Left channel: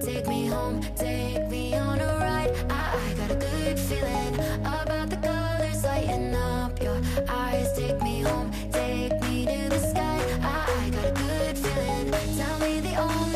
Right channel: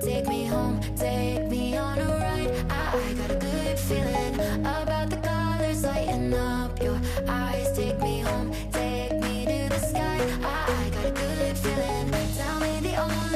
take me home, take me on a ride. I got a good feeling about the colors lighting up your eyes. Take me home, take me to the sky. I got a good feeling. Tell me the only